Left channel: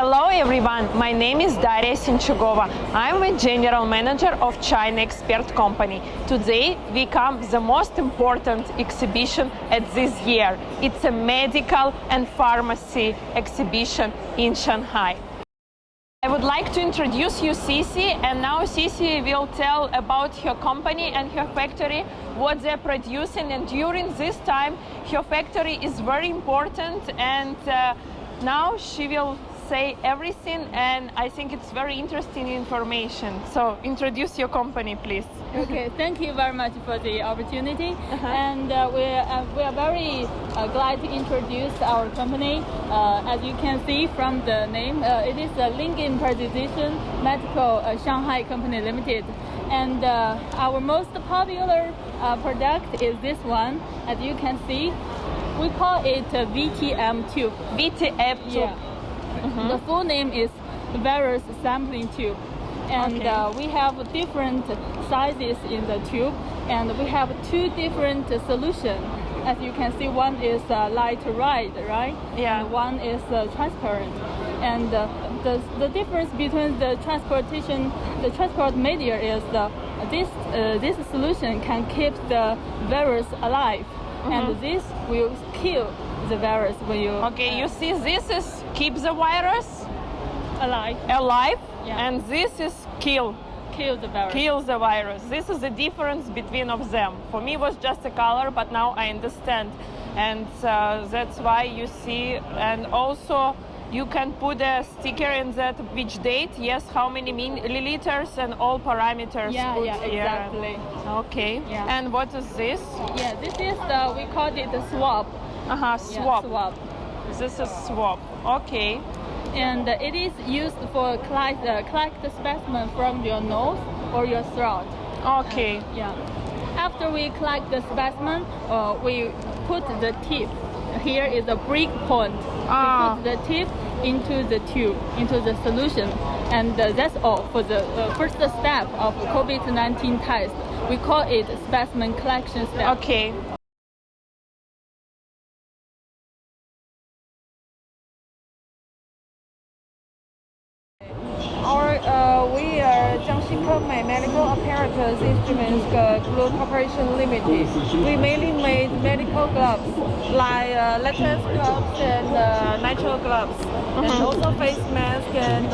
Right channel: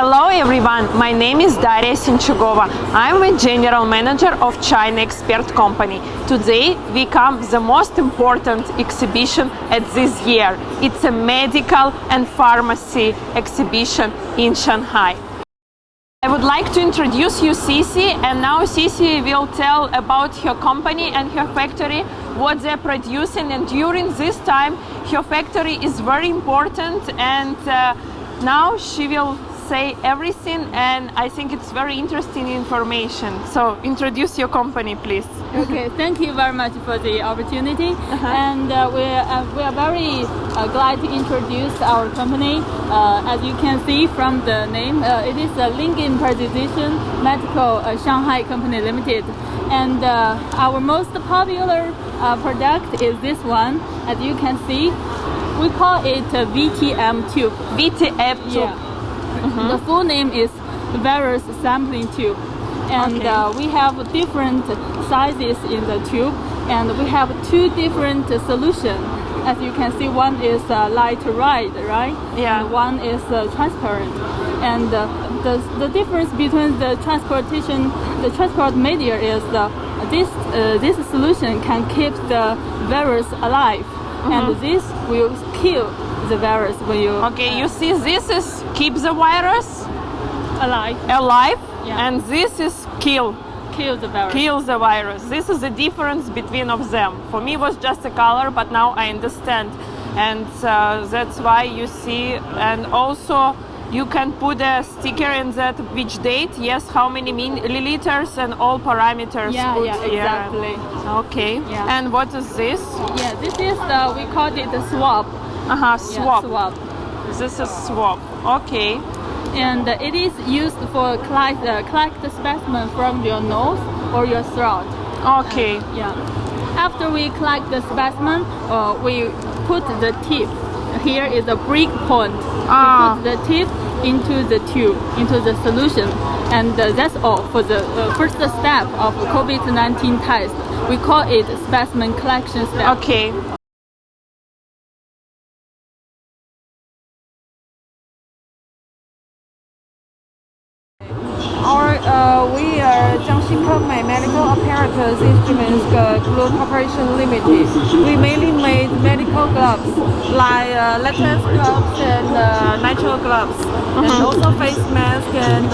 Hello everyone, my name is Daria Sinchugova. I'm the General Manager of China Expert Company. Today we come the most important exhibition at this year. It's a medical and pharmacy exhibition in Shanghai. I would like to introduce you Cici, and now Cici will tell about her company and her factory, what they're producing, and during this time her factory is very important, and now she will say everything, and I think it's very interesting information. So introduce your company, please. Okay, thank you very much for the opportunity. And we are very glad to introduce our company. As you can see from the name, it is a Lincoln Precision Medical Shanghai Company Limited. And our most popular product is this one. As you can see, we call it a VTM tube. VTM tube. Yeah. The full name is virus sampling tube, and we have different sizes in the tube, and we have two different solutions. As you can see, one is light red, right? Yeah. And one is transparent. And the difference between the transport media is this solution can keep the virus alive, and this will kill the virus when you... Okay, you see this is keep the virus alive, yeah. And this is kill the virus. Kill the virus. This is the difference between of them. For me it was just a color, but now I understand, and that's why you see. And also you can put a sticker in that which date, yes, how many milliliters, and all parameters. Yeah, exactly. Okay. Yeah. And what is this? Yeah, this is we call it the swab. Swab. Yeah, swab. This is swab. Okay. And it is used for collect the specimen from your nose or your throat. Okay. Yeah. After we collect the specimen, we put the tip. Here is a break point. We put the tip into the tube, into the solution, and that's all for the first step of COVID-19 test. We call it specimen collection step. Okay. We are Jiangxi Medical Apparatus Instruments Group Corporation Limited. We mainly made medical gloves like latex gloves and nitrile gloves, and also face mask and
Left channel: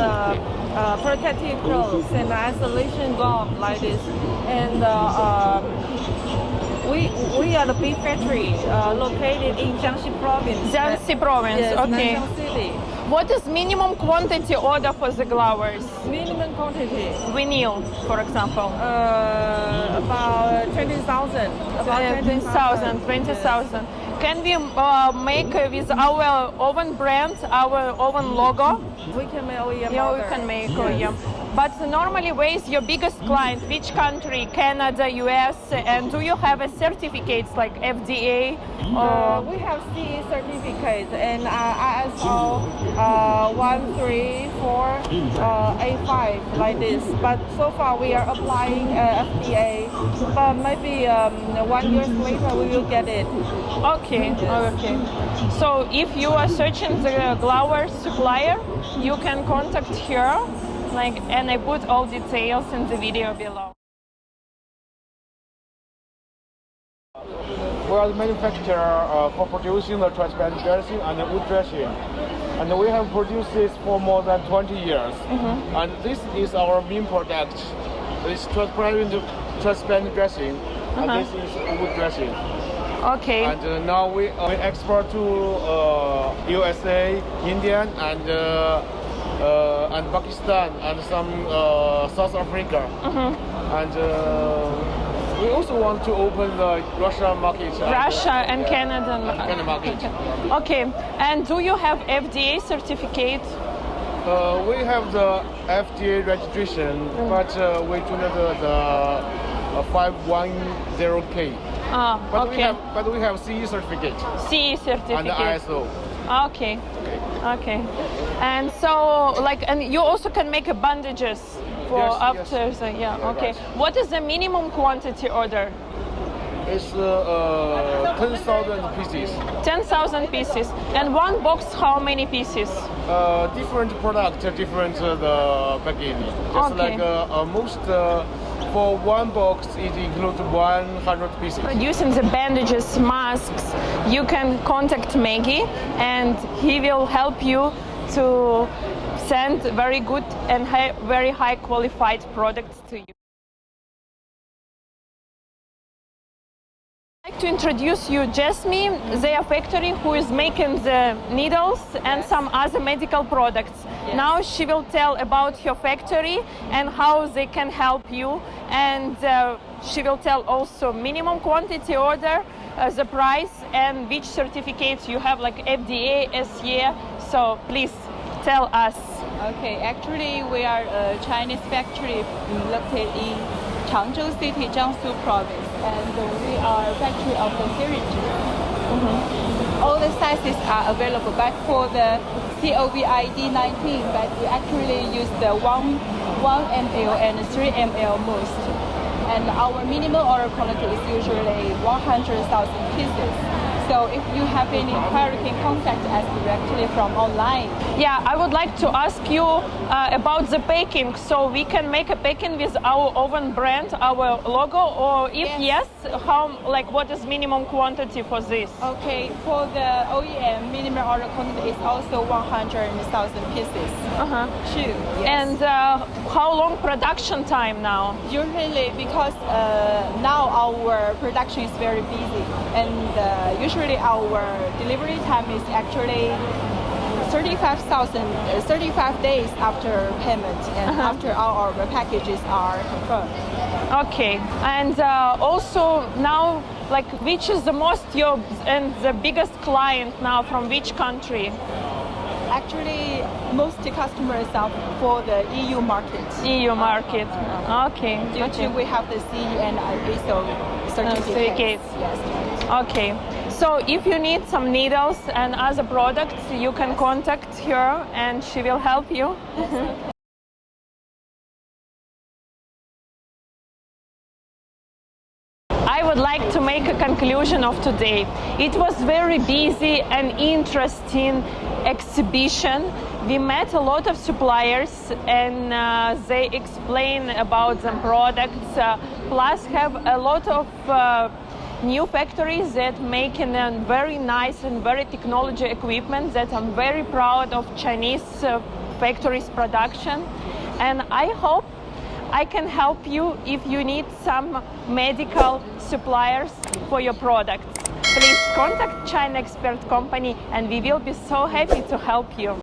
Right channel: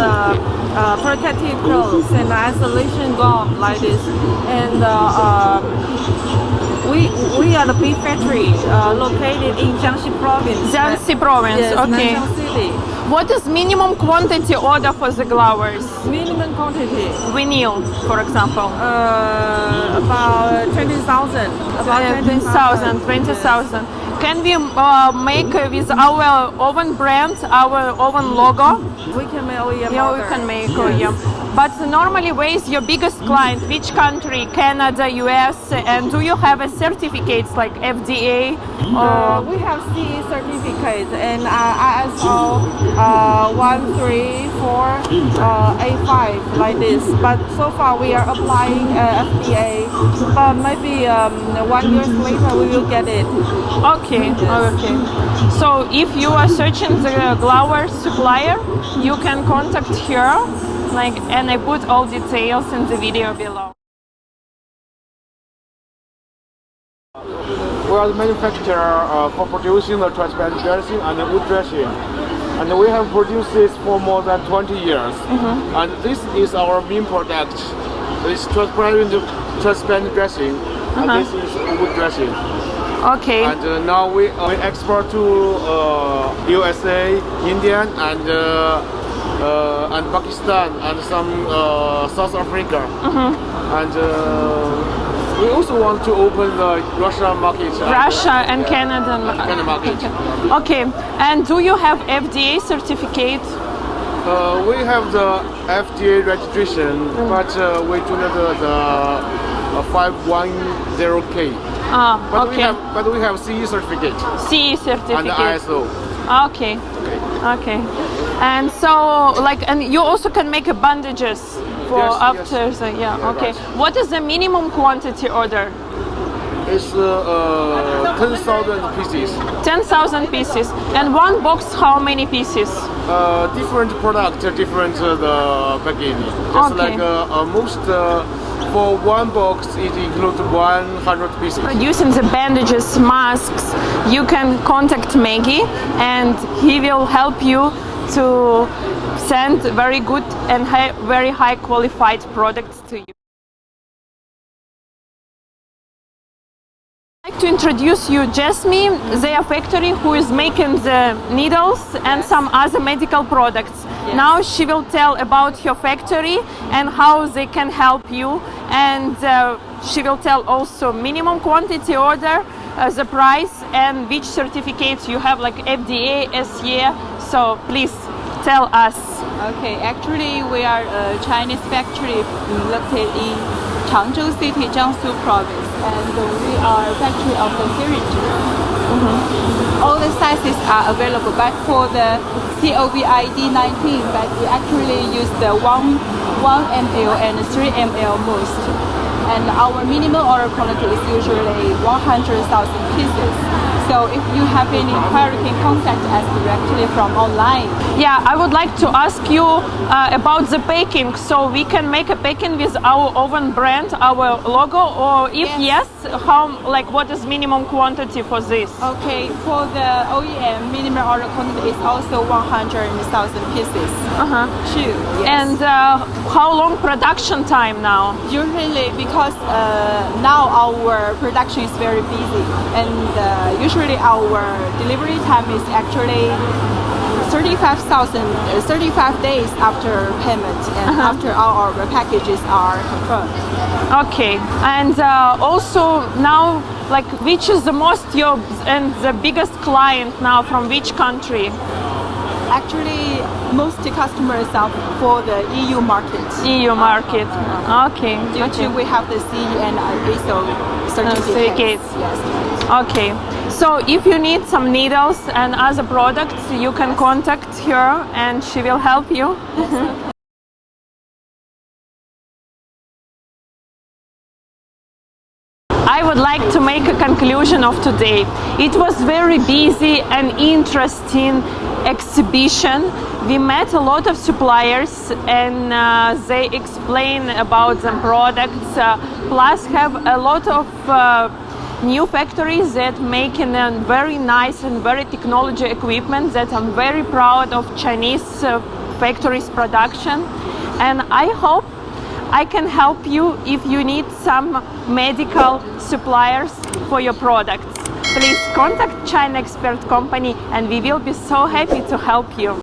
protective clothes and isolation gum like this. And we are the big factory located in Jiangxi Province. Jiangxi Province, yes, okay. Nanjing City. What is minimum quantity order for the glovers? Minimum quantity. Vinyl, for example. About 20,000. About 20,000. Can we make with our own brand, our own logo? We can make OEM. Yeah, we can make OEM. But normally, where is your biggest client? Which country? Canada, US? And do you have a certificates like FDA? We have CE certificates and ISO 13485 like this. But so far we are applying FDA. But maybe 1 year later we will get it. Okay. Yes. Okay. So if you are searching the glover supplier, you can contact her. And I put all details in the video below. We are the manufacturer for producing the transparent dressing and the wood dressing. And we have produced this for more than 20 years. And this is our main product. This transparent dressing, and this is wood dressing. Okay. And now we export to USA, India, and Pakistan, and some South Africa. And we also want to open the Russia market. Russia and Canada market. Okay. And do you have FDA certificate? We have the FDA registration, but we do not have the 510K. But we have CE certificate. CE certificate. And the ISO. Okay. And so, and you also can make bandages for Yes, after. yes. Okay. Right. What is the minimum quantity order? It's 10,000 pieces. 10,000 pieces. And one box, how many pieces? Different product, different the packing. Just Okay. like most for one box, it includes 100 pieces. Producing the bandages, masks, you can contact Maggie and he will help you to send very good and very high qualified products to you. I'd like to introduce you Jasmine, their factory, who is making the needles and some other medical products. Yes. Now she will tell about your factory and how they can help you, and she will tell also minimum quantity order, the price, and which certificates you have, like FDA, SE. So please tell us. Okay, actually we are a Chinese factory located in Changzhou City, Jiangsu Province, and we are a factory of the syringes. All the sizes are available, but for the COVID-19, but we actually use the 1 ml and 3 ml most. And our minimum order quantity is usually 100,000 pieces. So if you have any inquiry, you can contact us directly from online. Yeah, I would like to ask you about the packing. So we can make a packing with our own brand, our logo, or if yes, how, like, what is minimum quantity for this? Okay, for the OEM, minimum order quantity is also 100,000 pieces. True. Yes. And how long production time now? Usually, because now our production is very busy, and usually our delivery time is actually 35 days after payment and after all our packages are confirmed. Okay, and also now, like, which is the most your and the biggest client now from which country? Actually, most customers are for the EU market. EU market. Okay. Due to we have the CE and ISO certificates. Yes. Okay, so if you need some needles and other products, you can contact her and she will help you. I would like to make a conclusion of today. It was very busy and interesting exhibition. We met a lot of suppliers and they explain about the products, plus have a lot of new factories that making a very nice and very technology equipment that I'm very proud of Chinese factories production. And I hope I can help you if you need some medical suppliers for your products. Please contact China Expert Company and we will be so happy to help you.